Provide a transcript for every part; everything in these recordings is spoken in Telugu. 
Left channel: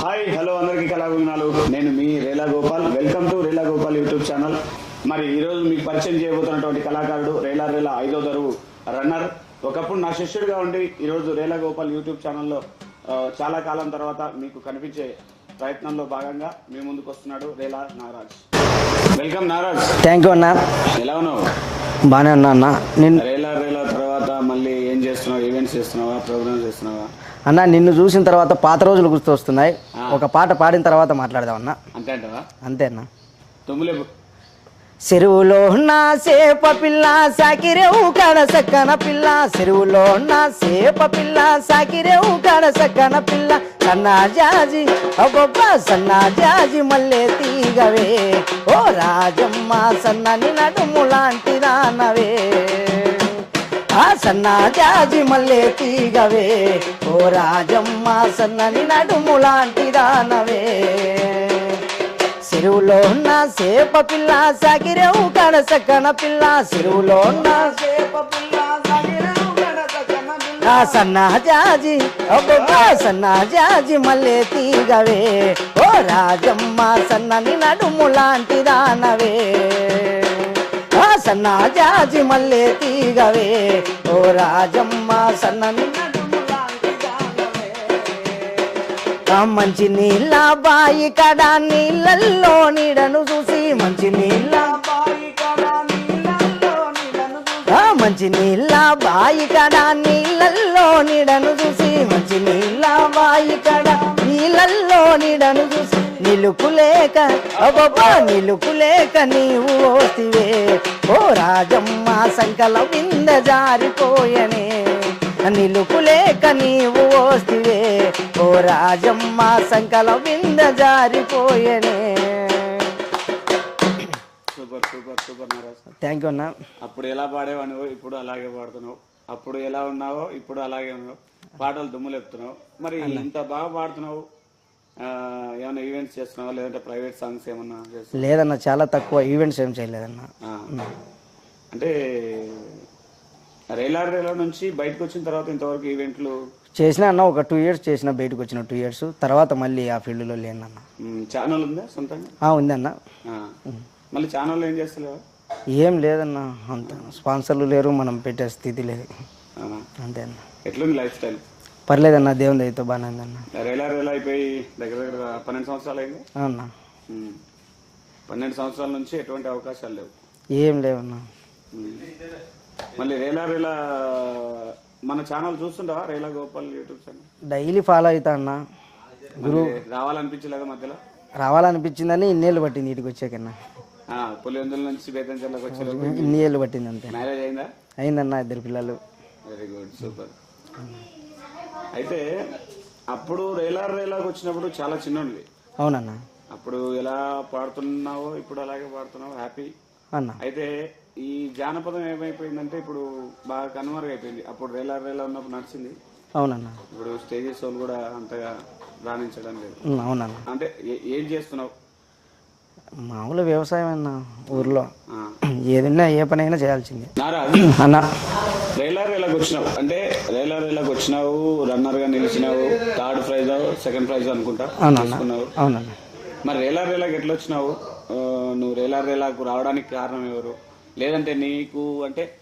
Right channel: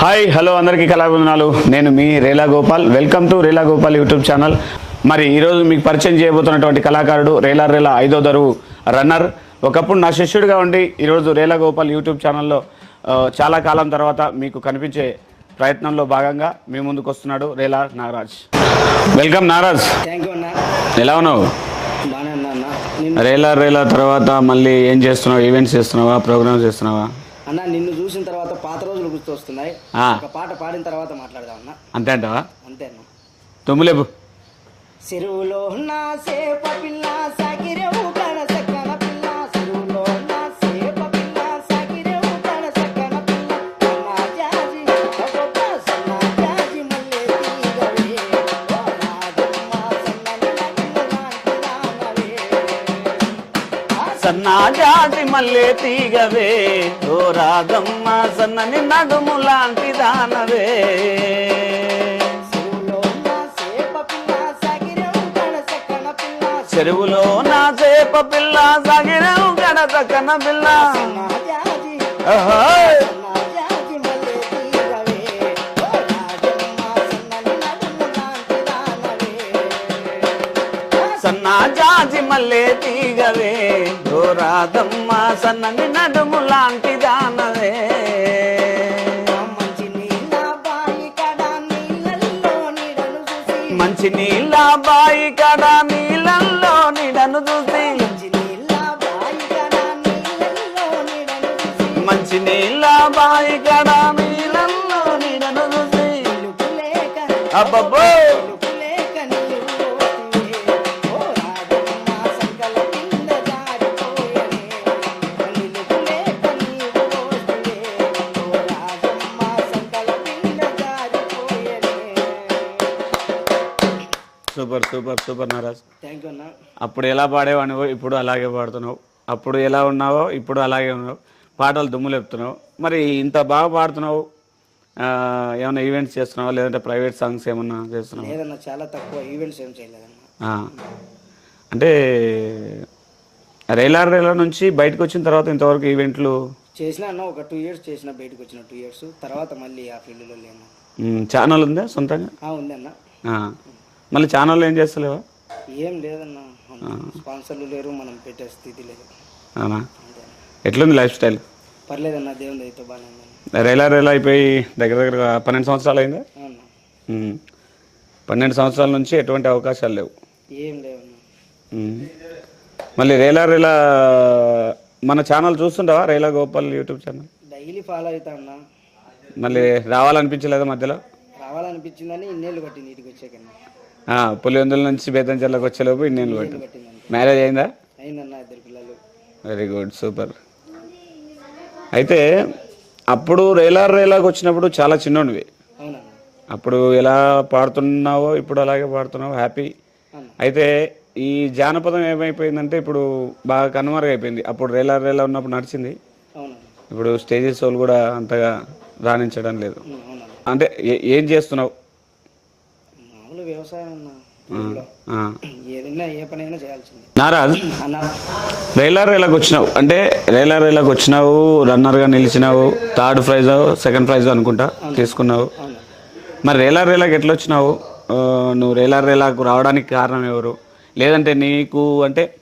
హాయ్ హలో అందరికీ కళాబంధనాలు నేను మీ Rela Gopal. Welcome to Rela Gopal YouTube channel. మరి ఈరోజు మీకు పరిచయం చేయబోతున్నటువంటి కళాకారుడు రేలా రేలా ఐదో దరువు రన్నర్. ఒకప్పుడు నా శిష్యుడిగా ఉండి ఈరోజు రేలా గోపాల్ యూట్యూబ్ ఛానల్లో చాలా కాలం తర్వాత మీకు కనిపించే ప్రయత్నంలో భాగంగా మీ ముందుకు వస్తున్నాడు Rela Nagaraj. Welcome Nagaraj. Thank you అన్న. ఎలా ఉన్నావు? బాగానే ఉన్నా అన్న. నిన్ను రేలా రేలా తర్వాత మళ్ళీ ఏం చేస్తున్నావు? ఈవెంట్స్ చేస్తున్నావా? ప్రోగ్రామ్స్ చేస్తున్నావా? అన్న నిన్ను చూసిన తర్వాత పాత రోజులు గుర్తొస్తున్నాయి. ఒక పాట పాడిన తర్వాత మాట్లాడదాం అన్న అంతే అంటావా? అంతే అన్న. తుమ్ములేపు చెరువులో నా సేప పిల్ల సాకిరేవు కడ సక్కన పిల్ల. చెరువులో నా సేప పిల్ల సాకిరేవు కడ సక్కన పిల్ల. సన్నా జాజి అబ్బబ్బ సన్నా జాజి మల్లె తీగవే. ఓ రాజమ్మ. ఆ సన్నా జాజి మల్లె తీగవే. ఓ రాజమ్మ సన్నని నడుము లాంటి రానవే చెరువులో ఉన్న సేప పిల్ల సాగిరేవు కనసక్కన పిల్ల. చెరువులో ఉన్న సేప పిల్ల సాగిరేవు కనసక్కన పిల్ల. సన్నా జాజి సన్నా జాజి మల్లె తీగవే. ఓ రాజమ్మ సన్నని నడుము లాంటి దానవే. ఆ సన్నా జాజి మల్లె తీగవే. రాజమ్మ సన్నని నడుము లాంటి దానవే. మంచి నీళ్ళ బాయి కడ నీళ్ళల్లో నీడను చూసి. మంచి నీళ్ళ బాయి కడ నీళ్ళల్లో నీడను చూసి. మంచి నీళ్ళ బాయి కడ నీళ్ళల్లో నీడను చూసి. మంచి నీళ్ళ బాయి కడ నీళ్ళల్లో నీడను చూసి. నిలుపు లేక అబ్బబ్బా, నిలుపు లేక నీవు జారిపోయనే. నీవు ఓస్తివే. ఓ రాజమ్మ సంకల వింద జారిపోయనే. Super super super Nagaraj thank you అన్న. అప్పుడు ఎలా పాడేవాడివో ఇప్పుడు అలాగే పాడుతున్నావు. అప్పుడు ఎలా ఉన్నావో ఇప్పుడు అలాగే ఉన్నావు. పాటలు దుమ్ము లేపుతున్నావు. మరి ఇంత బాగా పాడుతున్నావు. ఏమైనా ఈవెంట్స్ చేస్తున్నావా? లేదంటే ప్రైవేట్ సాంగ్స్ ఏమన్నా చేస్తున్నావా? లేదన్న చాలా తక్కువ ఈవెంట్స్ ఏం చేయలేదన్న. ఆ. అంటే రైలార్ రైలా నుంచి బయటకు వచ్చిన తర్వాత ఇంతవరకు ఈవెంట్లు? చేసిన అన్న ఒక టూ ఇయర్స్ చేసిన బయటకు వచ్చిన టూ ఇయర్స్. తర్వాత మళ్ళీ ఆ ఫీల్డ్లో లేనన్న. మ్, ఛానల్ ఉందా సొంతంగా? ఆ, ఉందన్న. ఆ. మళ్ళీ ఛానల్ ఏం చేస్తలేవా? ఏం లేదన్న. అంత స్పాన్సర్లు లేరు మనం పెట్టే స్థితి లేదు. అంతే అన్న. ఎట్లుంది లైఫ్ స్టైల్? పర్లేదన్న దేవుని దయతో బాగానే ఉందన్న. రైలా రైలా అయిపోయి దగ్గర దగ్గర పన్నెండు సంవత్సరాలు అయిందా? మ్మ్. పన్నెండు సంవత్సరాల నుంచి ఎటువంటి అవకాశాలు లేవు. ఏం లేవన్న. మళ్ళీ రేలా రేలా మన channel చూస్తుంటావా? Rela Gopal YouTube channel? Daily follow అవుతా అన్న. మళ్ళీ రావాలనిపించలేదా మధ్యలో? రావాలనిపించిందని ఇన్నేళ్ళు పట్టింది ఇంటికి వచ్చాకన్నా పులివెందుల నుంచి బేతంచెర్లకు వచ్చేలోపు నేను ఇన్నేళ్ళు పట్టింది. అంతే మ్యారేజ్ అయిందా? అయిందన్న ఇద్దరు పిల్లలు. Very good super. అయితే అప్పుడు రేలార్ రేలాకి వచ్చినప్పుడు చాలా చిన్నోడివి. అవునన్న. అప్పుడు ఎలా పాడుతున్నావో ఇప్పుడు అలాగే పాడుతున్నావు హ్యాపీ. అన్న. అయితే ఈ జానపదం ఏమైపోయిందంటే ఇప్పుడు బాగా కనుమరుగైపోయింది. అప్పుడు రేలా రేలా ఉన్నప్పుడు నడిచింది. అవునన్న. ఇప్పుడు స్టేజెస్ వాళ్ళు కూడా అంతగా రాణించడం లేదు. అవునన్న. అంటే ఏ- చేస్తున్నావు? మామూలు వ్యవసాయం అన్న ఊర్లో. ఏదైనా ఏ పనైనా చేయాల్సింది. నారాజ్ అన్న. రేలా రేలాకి వచ్చినావు. అంటే రేలా రేలాకి వచ్చినావు రన్నర్గా నిలిచినావు థర్డ్ ప్రైజ్ సెకండ్ ప్రైజ్ అనుకుంటా తీసుకున్నావు. అవునన్న. మరి రేలా రేలాకి ఎట్లా వచ్చినావు? నువ్వు రేలా రేలాకు రావడానికి కారణం ఎవరు? లేదంటే నీకు అంటే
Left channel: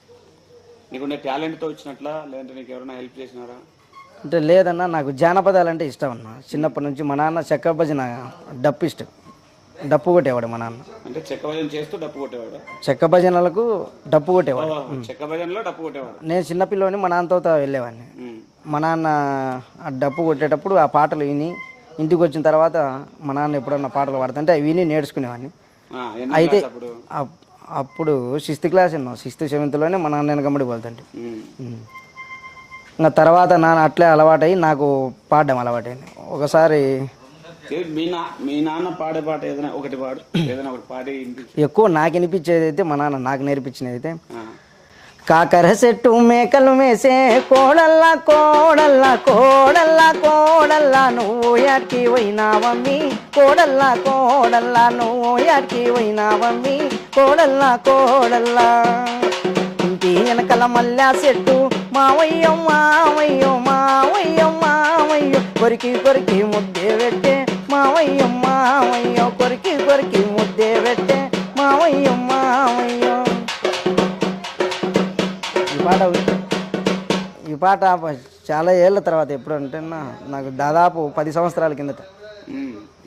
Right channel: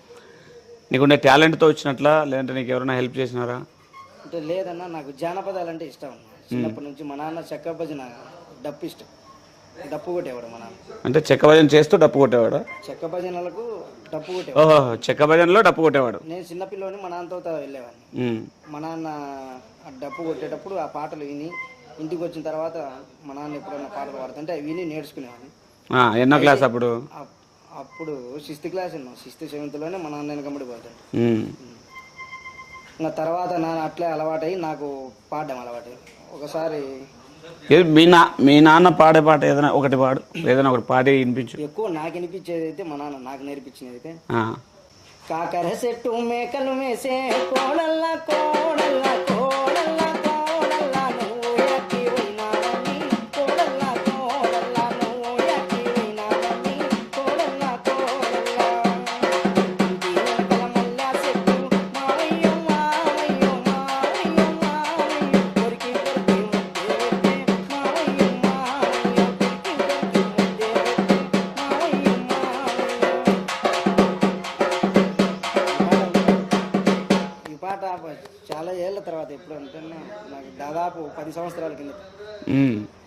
నీకుండే టాలెంట్తో వచ్చినట్లా? లేదంటే నీకు ఎవరైనా హెల్ప్ చేసినారా? అంటే లేదన్న నాకు జానపదాలు అంటే ఇష్టం అన్న చిన్నప్పటి నుంచి మా నాన్న చెక్క భజన డప్పు ఇష్టం డప్పు కొట్టేవాడు మా నాన్న. అంటే చెక్క భజన చేస్తూ డప్పు కొట్టేవాడు? చెక్క భజనలకు డప్పు కొట్టేవాడు. ఓహో చెక్క భజనలో డప్పు కొట్టేవాడు. నేను చిన్నపిల్లని మా నాన్నతో వెళ్ళేవాడిని. మా నాన్న ఆ డప్పు కొట్టేటప్పుడు ఆ పాటలు విని ఇంటికి వచ్చిన తర్వాత మా నాన్న ఎప్పుడన్నా పాటలు పాడుతుంటే అవి విని నేర్చుకునేవాడిని. ఆ, ఎన్నో క్లాస్ అప్పుడు? అప్- అప్పుడు సిక్స్త్ క్లాస్ ఉన్నాం సిక్స్త్ సెవెంత్లోనే మా నాన్న వెనకబడి ఉమ్. ఇంకా తర్వాత నాన్న అట్లే అలవాటై నాకు పాడడం అలవాటైంది. ఒకసారి మీ నా మీ నాన్న పాడే పాట ఏదైనా ఒకటి పాడు ఏదైనా ఒకటి పాడి వినిపించు. ఎక్కువ నాకు వినిపించేది అయితే మా నాన్న నాకు నేర్పించినది అయితే. కాకర చెట్టు మేకలు మేసే కోడల్లా కోడల్లా కోడల్లా కోడల్లా నువ్వు యాకి పోయినావమ్మి కోడల్లా కోడల్లా నువ్వు యాకి పోయినావమ్మి కోడల్లా కోడల్లా. ఇంటి వెనకల మల్లా చెట్టు. మావయ్యం మావయ్యం మావయ్యం మావయ్యం. కొరికి కొరికి ముద్దే పెట్టే. మావయ్యం మావయ్యం కొరికి కొరికి ముద్దే పెట్టే. మావయ్యం మావయ్యం. ఈ పాట ఈ పాట చాలా ఏళ్ళ తర్వాత ఎప్పుడు అంటే నాకు దాదాపు పది సంవత్సరాల కిందట.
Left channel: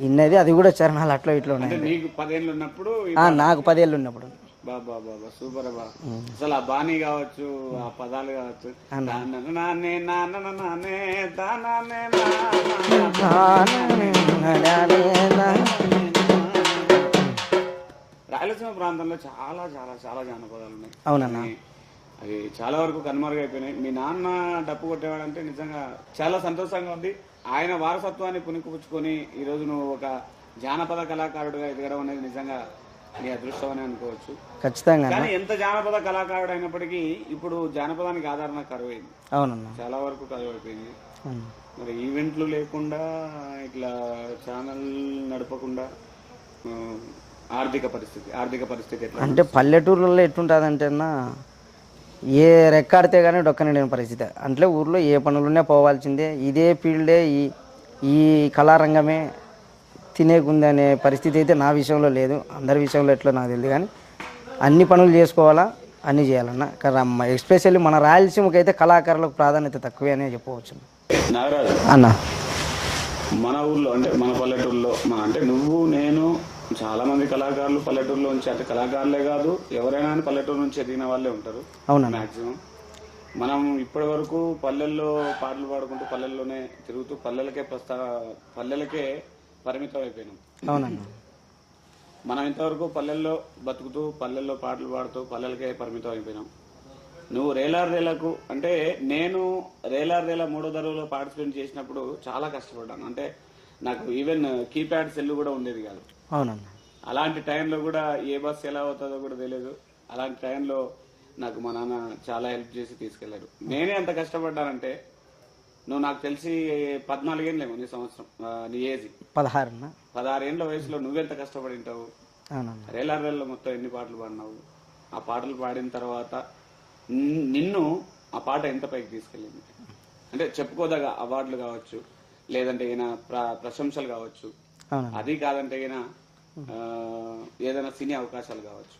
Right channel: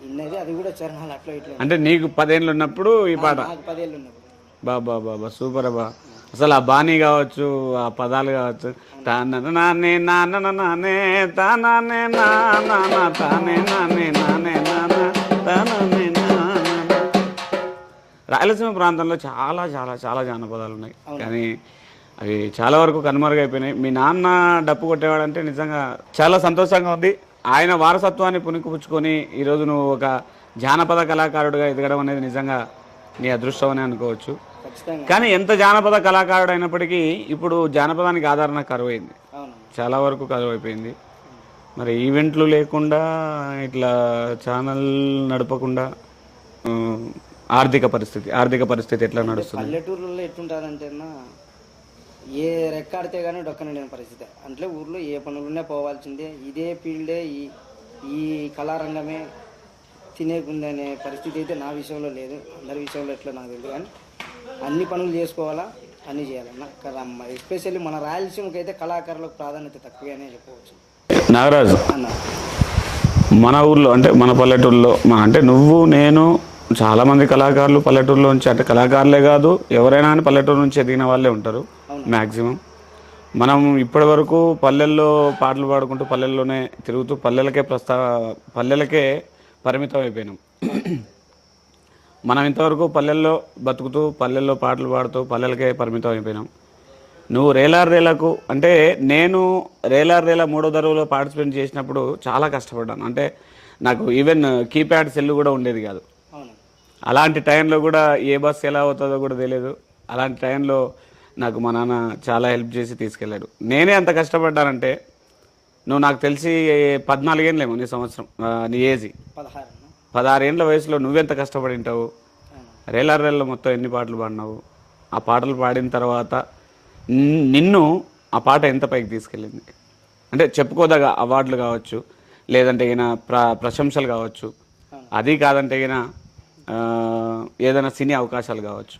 ఇన్నది అది కూడా చరణాలు అట్లా ఇట్లా. అంటే నీకు పదేళ్ళు ఉన్నప్పుడు నాకు పదేళ్ళు ఉన్నప్పుడు. బాబా బాబా సూపర్ అబ్బా. అసలు ఆ బాణీ కావచ్చు ఆ పదాలు కావచ్చు నానే తానే. రాయలసీమ ప్రాంతంలో చాలా చాలా చాలా జానపదాలు ఉన్నాయి. కానీ అవి చాలా వరకు కనుమరుగైపోయినాయి. మీ నాన్న డప్పు కొట్టేవాడంటే నిజంగా చాలా సంతోషంగా ఉంది. ఆయన వారసత్వాన్ని పుణికిపుచ్చుకొని ఈరోజు నువ్వు ఒక జానపద కళాకారుడిగా ఎదగడం అనేది నిజంగా నీ అదృష్టం అని అనుకోవచ్చు. ఖచ్చితంగా. కానీ ఎంత జానపద కళాకారుడు అయినప్పటికీ ఇప్పుడు జానపదానికి ఆదరణ కరువైంది. అవునన్నా చాలా వరకు కరువు అయిపోయింది అవును. మరి ఈవెంట్లు లేకుండా ఇట్లా ఛానల్ నడపకుండా ఆర్థిక పరిస్థితి ఆర్థిక పరిస్థితి ఎట్లా అంటే ఎట్లుంటుంది అన్న ఏ రెక్కాడితే కానీ డొక్కని లేని పరిస్థితి. అంటే ఊర్లో ఏ పనులున్నా పోవాల్సిందే. ఇదే ఫీల్డే ఈ ఈ కళారంగమే తినేకుంది అనే పరిస్థితి అయితే నా విషయంలో లేదు. అందరి విషయంలో ఎట్లా నాకు తెలియదు కానీ అన్ని పనులు చేసుకోవాలా అన్నీ చేయాలన్న. కానీ ఎస్పెషల్లీ మన రాయలసీమకి అయితే కళాకారులకు ప్రాధాన్యత తక్కువే అనే చెప్పవచ్చు. నాగరాజు అన్న. మన ఊర్లో అంటే మన పల్లెటూరులో మన అంటే నువ్వు నేను చాలా మంది కళాకారులు పల్లెటూరులో నుంచి అంటే కళాకారులే కాదు ఎవరైనా కానీ పల్లెటూరు నుంచి ఎదిగిన వాళ్ళే ఉంటారు అవునా. మ్యాక్సిమం మనం ఇప్పటి వరకు పల్లెల్లో పాటలు పాడుకుంటూ పల్లెల్లోనే తిరుగుతూ పల్లెలకే ప్రస్తా పల్లెలకే పరిమితం అయిపోయినాం. మనం ఇంతవరకు పల్లెల్లో బతుకుతూ పల్లెల్లో పాటలు పాడుతూ పల్లెలకే పరిమితం అయిపోయినాం. నువ్వు రేలార్ రేలకు అంటే నేను రేలార్ రేలా మూడో దరువులో పార్టిసిపేట్ చేసినప్పుడు చాలా కష్టపడ్డాను. అంటే నాకు ఈవెన్ కీప్యాడ్ సెల్ కూడా ఉండేది కాదు. అవునన్న అలాంటి టైంలో కూడా ఏ బస్ ఎలా అవుతుందో కూడా తెలియదు అలాంటి టైంలో నాకు మా నాన్న చాలా హెల్ప్ చేసి తీసుకెళ్ళాడు. నేనే అంత కష్టపడ్డానంటే నువ్వు నాకు తెలిసి పద్నాలుగేళ్ళేమో నీ సంవత్సరం నీ ఏజ్. పదహారు పదహారేళ్ళ వయసులో నువ్వెంత కష్టపడి ఉంటావు? అవునన్న రేలార్ రేళ్ళ మొత్తం ఎన్ని పాటలు పాడినావు? ఆ పాటలు పాడిన తర్వాత నిన్- నిన్ను ఆ పాట ఎంత పైకి తీసుకెళ్ళింది? అంటే చెప్పుకోదగ అవార్డులు కావచ్చు లేదంటే ఈయన ప్ర ప్రశంసలు కావచ్చు. అది కాదంటే ఏదైనా సినీ అవకాశాలు కావచ్చు.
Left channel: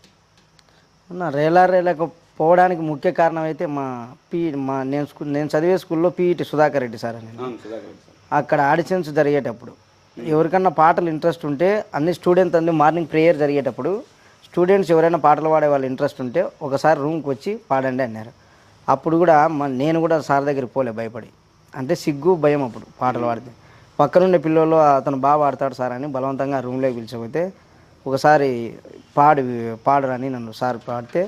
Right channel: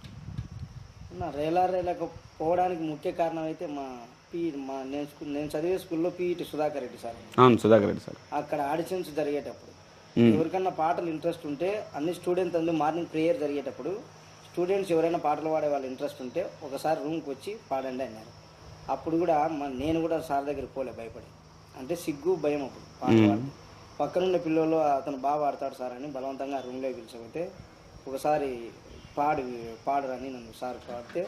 అన్న రేలా రేలకు పోవడానికి ముఖ్య కారణం అయితే మా పీ మా నేను స్కూల్ నేను చదివే స్కూల్లో పీఈటి సుధాకర్ రెడ్డి సార్ అని అవును సుధాకర్ రెడ్డి సార్. అక్కడ ఆడిషన్స్ జరిగేటప్పుడు ఎవరికన్నా పాటలు ఇంట్రెస్ట్ ఉంటే అన్ని స్టూడెంట్స్ అన్ని మార్నింగ్ ప్రేయర్ జరిగేటప్పుడు స్టూడెంట్స్ ఎవరైనా పాటలు పాడే వాళ్ళు ఇంట్రెస్ట్ ఉంటే ఒకసారి రూమ్కి వచ్చి పాడండి అన్నారు. అప్పుడు కూడా మ- నేను కూడా సార్ దగ్గరికి పోలే భయపడి. అంటే సిగ్గు భయం అప్పుడు పాటలు పాడితే. పక్కనుండే పిల్లలు అతను బాగా పాడతాడు సార్ అని బలవంతంగా రూమ్లోకి పిలిచిపోతే ఒకసారి పాడి పాడరని నన్ను సార్ పాడితే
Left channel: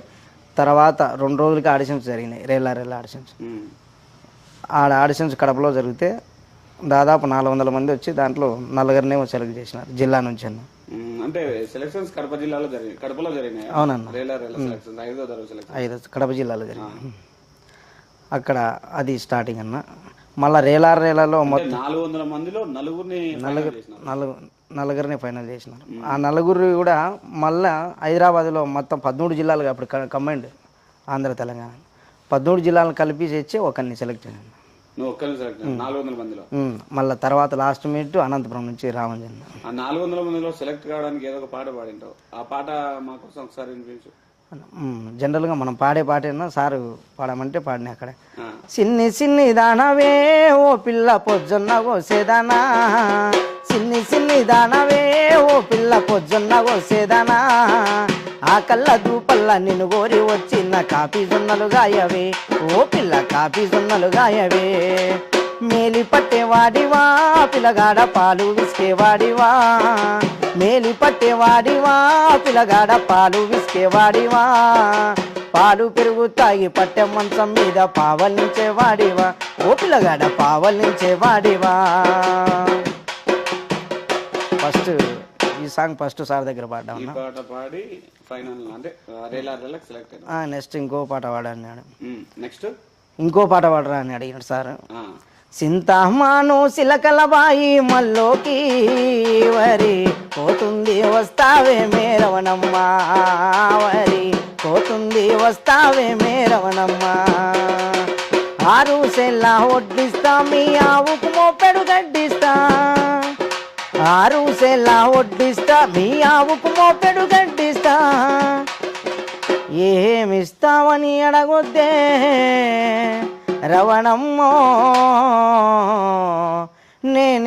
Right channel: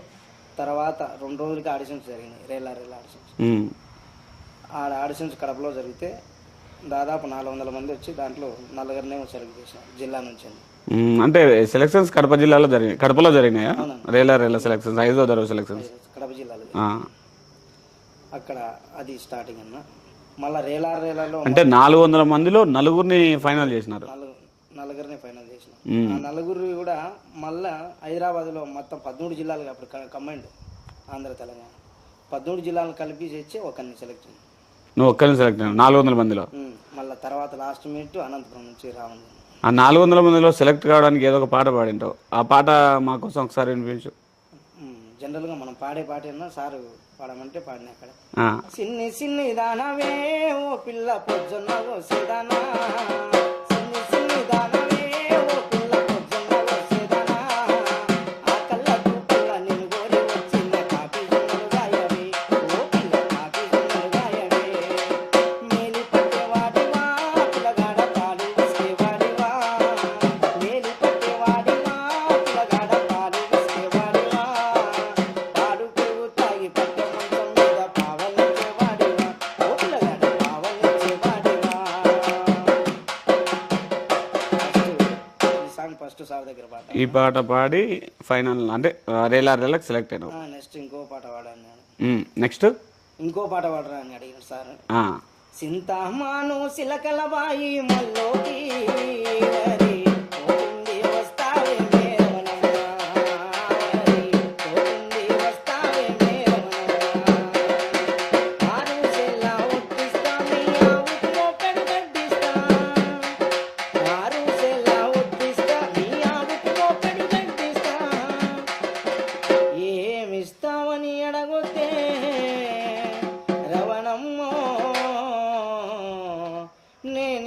తర్వాత రెండు రోజులకి ఆడిషన్స్ జరిగినాయి రేలా రేలా ఆడిషన్స్. ఆడ ఆడిషన్స్ కడపలో జరిగితే దాదాపు నాలుగు వందల మంది వచ్చి దాంట్లో నలుగురినే సెలెక్ట్ చేసినారు జిల్లా నుంచి అంటే సెలక్షన్స్ కడప జిల్లాలో జరిగినాయి కడపలో జరిగినాయా? అవునన్న. రేలా రేలా సెలక్షన్స్ ఐదో ఐదు కడప జిల్లాలో. అక్కడ అది స్టార్టింగ్ అన్న. మళ్ళా రేలార్ రేలాలో అంటే నాలుగు వందల మందిలో నలుగురిని ఫైనల్ చేసినారు. నలుగు నలుగురిని ఫైనల్ చేసినారు. ఆ నలుగురు కూడా మళ్ళా హైదరాబాద్లో మొత్తం పదమూడు జిల్లాలు అప్పుడు కంబైండ్ ఆంధ్ర తెలంగాణ. పదమూడు జిల్లాలను కలిపి తెచ్చి ఒకరిని సెలెక్ట్ చేయండి. నువ్వు ఒక్కరిని సెలెక్ట్ నాలుగు వందల మందిలో? మళ్ళీ తర్వాత లాస్ట్ మినిట్ అనంతపురం నుంచి రామంజన్ ఆ నాలుగు వందల మందిలో సెలెక్ట్ కావడానికి ఏదో ఒక పాట పాడింటావు. ఆ పాట మా కోసం ఒకసారి వినిపించు. జనరల్గా మనం పాడే పాటేనా సారు పాడమంటే పాడిన అక్కడ. చిన్ని చిన్ని దానవే ఓ పిల్ల పొజ్జొన్న కోసేదానా చిన్ని చిన్ని దానవే ఓ పిల్ల పొజ్జొన్న కోసేదానా ఆ కళ్ళ దూపల్ల నిన్ను కోరి వచ్చిన కాపీ జొన్నలు గాయవే ఓ పిల్ల కాపీ జొన్నలు గాయవే. మేలి పట్టేవాడివా పిల్లగాడ పాలు విసికేవాడివా పట్టేవాడివా పిల్లగాడ పాలు విసికేవాడివా పాలు పెరుగు తాగి పట్టె మంచం మీద పావలించేవాడివా ఓ పిల్లగాడ పావలించేవాడివా ఫస్ట్ ఈ సాంగ్ ఫస్ట్ సార్ దగ్గర పాడ్డాం ఈ పాట పాడి ఫైనల్ అంటే రేలా రేలకు సెలెక్ట్ అయినావు నెక్స్ట్ ఇంకో పాట పాడన్నాడు నెక్స్ట్? ఇంకో పాట పాడరా అని అడిగినాడు సార్. సింతామాను సిలకల బాయి మల్లోకి వరి వస్తావే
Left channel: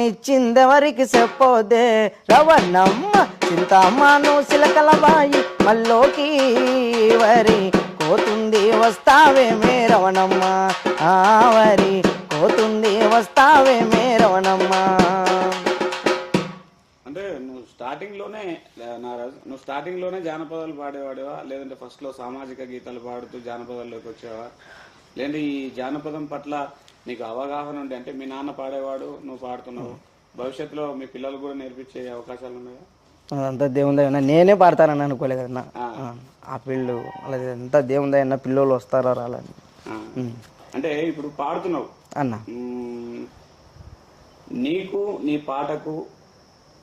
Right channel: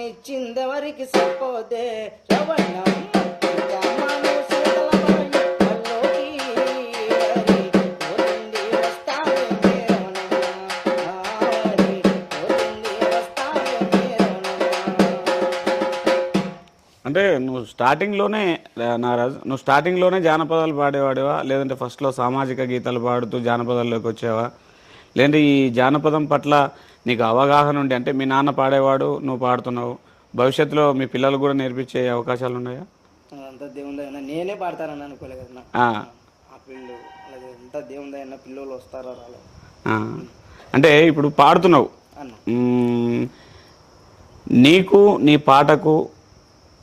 నేనిచ్చిందెవరికి చెప్పోదే? రవణమ్మ చింతమ్మను సిలకల బాయి మల్లోకి వరి కోతుంది వస్తావే మే రవణమ్మ. వరి కోతుంది వస్తావే మే రవణమ్మ. అంటే నువ్వు స్టార్టింగ్లోనే నారాజ్ నువ్వు స్టార్టింగ్లోనే జానపదాలు పాడేవాడివా? లేదంటే ఫస్ట్లో సామాజిక గీతాలు పాడుతూ జానపదాల్లోకి వచ్చావా? లేదంటే ఈ జానపదం పట్ల నీకు అవగాహన ఉండి అంటే మీ నాన్న పాడేవాడు నువ్వు పాడుతున్నావు భవిష్యత్తులో మీ పిల్లలు కూడా నేర్పించే అవకాశాలు ఉన్నాయా? అంతా దేవుందయ్యా నేనే పాడతానని అనుకోలే కదన్నా ఆ. ఆ పిల్లు అలాగే ఎంత దేవుందయ్యన్న పిల్లలు వస్తారా రాలని. అంటే ఇప్పుడు పాడుతున్నావు. అన్న. నీకు నీ పాటకు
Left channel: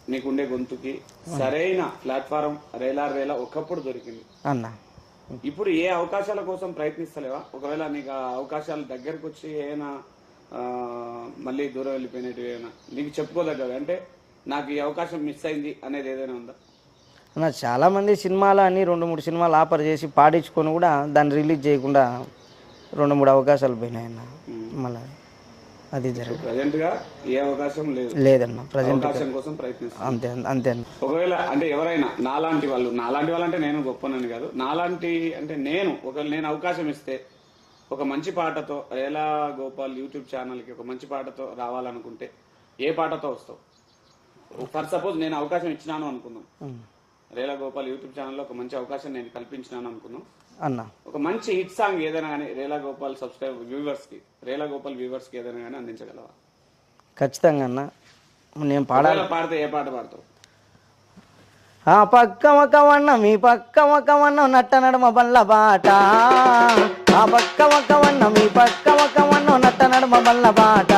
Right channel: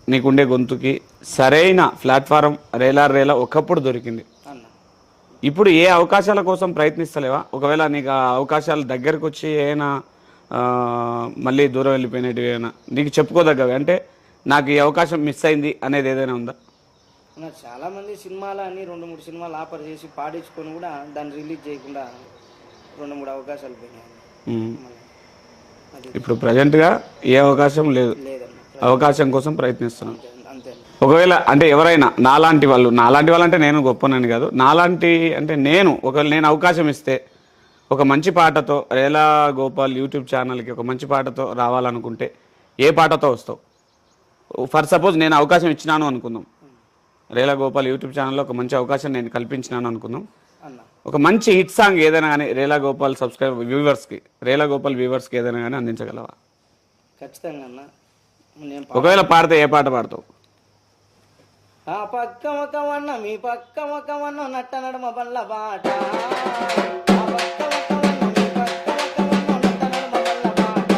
నీకుండే గొంతుకి సరైన ప్లాట్ఫారం రేలా రేలా ఒకప్పుడు దొరికింది. అన్న. ఇప్పుడు ఏ అవకాశాల కోసం ప్రయత్నిస్తలేవా? ఒకవేళ నీకు అవకాశాలు దగ్గరకు వచ్చి ఏమైనా మళ్ళీ దూరం వెళ్ళిపోయినట్టు ఏమైనా నీకు చెప్పుకోదగ్గవి? అంటే నాకు ఈ అవకాశం మిస్ అయింది అనేది ఏదైనా ఉందా? అన్న చాలా మంది సినిమాలు అని రెండు మూడు సినిమాలు ఆఫర్ చేసి పాడించుకొని కూడా దాన్ని రిలీజ్ చేయకుండా రెండు మూడు అవకాశాలు పోయినాయి అన్న మ్మ్. మళ్ళీ అది ఇది. ఇప్పుడు ప్రజెంట్గా ఏ అవకాశం లేదు. అవకాశం కోసం ప్రయత్నిస్తాం అంతే ఒకవేళ అంటే ఎవరైనా నాలాంటి వాళ్ళు నాలాంటి వాళ్ళంటే నేను గొప్పనని కాదు. నాలాంటి అంటే నేను ఒకవేళ నేను అవకాశం ఇస్తే ఒక మంచి పాటతో రేలా గోపాల్ యూట్యూబ్ ఛానల్కి ఒక మంచి పాటతో రావాలనుకుంటే ఏ పాటతో వస్తావు? ఫర్ సపోజ్ నేను అవకాశం ఇచ్చినాను అనుకుందాం. రేలా గోపాల్ యూట్యూబ్ ఛానల్లో ఒక మంచి అవకాశం నేను కల్పించినాను అనుకుందాం. అన్న. ఒక మంచి హిట్ సాంగ్ ఏదైనా కానీ రేలా గోపాల్ సబ్స్క్రైబ్ వ్యూవర్స్కి రేలా గోపాల్ వ్యూవర్స్కి ఏదైనా కానీ అందించగలవా? ఖచ్చితంగా అన్న. నేను ఒకవేళ పాడితే ఏ పాట పాడతావు? ఆ పక్క ఒక వన్న మీ పక్క ఒక వన్న నట్ట నడమ బల్ల బాట. ఆ పక్క ఒక వన్న మీ పక్క ఒక వన్న నట్ట నడమ బల్ల బాట.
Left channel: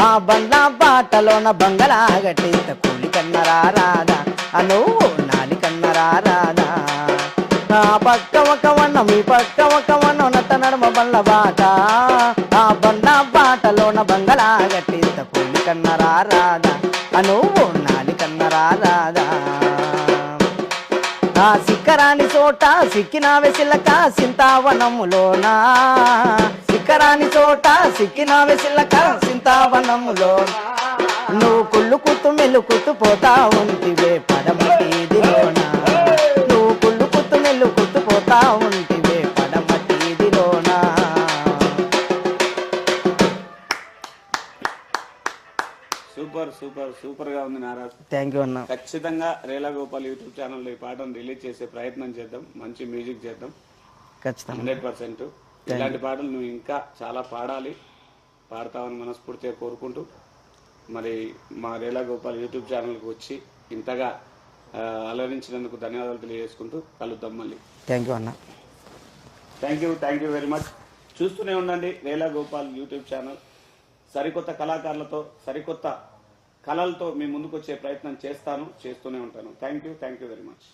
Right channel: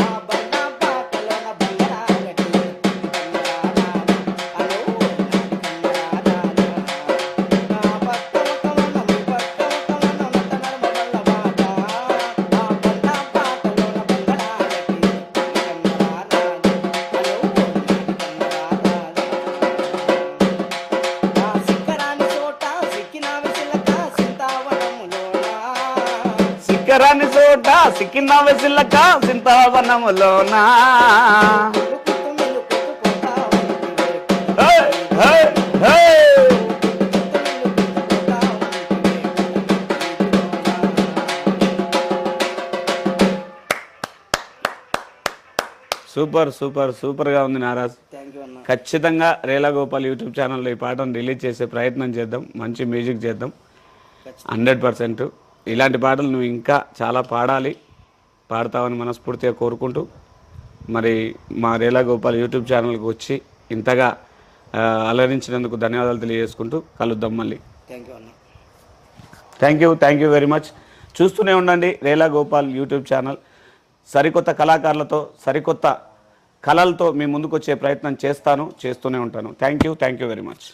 ఆ బల్ల బాటలోన బంగళా గట్టి కూలి కన్నరా రాదా అను నాలి కన్నరా రాదా ఆ పక్క సింతావనములోనా సిక్కరాని చోట సిక్కిన వెసిలక సింతావనములోనా? కుళ్ళు కుత్తు మెల్లు కుత్తు పోతా ఉంటివే. నువ్వు కుళ్ళు కుత్తు పోతా ఉంటివే పడమటిదిలోనా. సూపర్ సూపర్ సూపర్గా ఉంది నారాజ్. థ్యాంక్ యూ అన్న. ఖచ్చితంగా రేలా గోపాల్ యూట్యూబ్ ఛానల్లో ఈ పాటను రిలీజ్ చేసే ప్రయత్నం చేద్దాం మంచి మ్యూజిక్ చేద్దాం. Hundred percent. ఇలాంటి పాటలు నువ్వు ఇంకా చాలా పాడాలి. పాడతావని మనస్ఫూర్తిగా కోరుకుంటూ మరి మా రేలా గోపాల్ యూట్యూబ్ ఛానల్కి వచ్చి ఇంతగా అలరించినందుకు ధన్యవాదాలు తెలియజేసుకుంటూ కలుద్దాం మళ్ళీ. థ్యాంక్ యూ అన్న. Thank you thank you very much చూస్తూనే ఉండండి రేలా గోపాల్ యూట్యూబ్ ఛానల్. సరికొత్త కళాకారులతో సరికొత్త కళలతో మీ ముందుకు వచ్చే ప్రయత్నం చేస్తాను చేస్తూనే ఉంటాను. Thank you thank you very much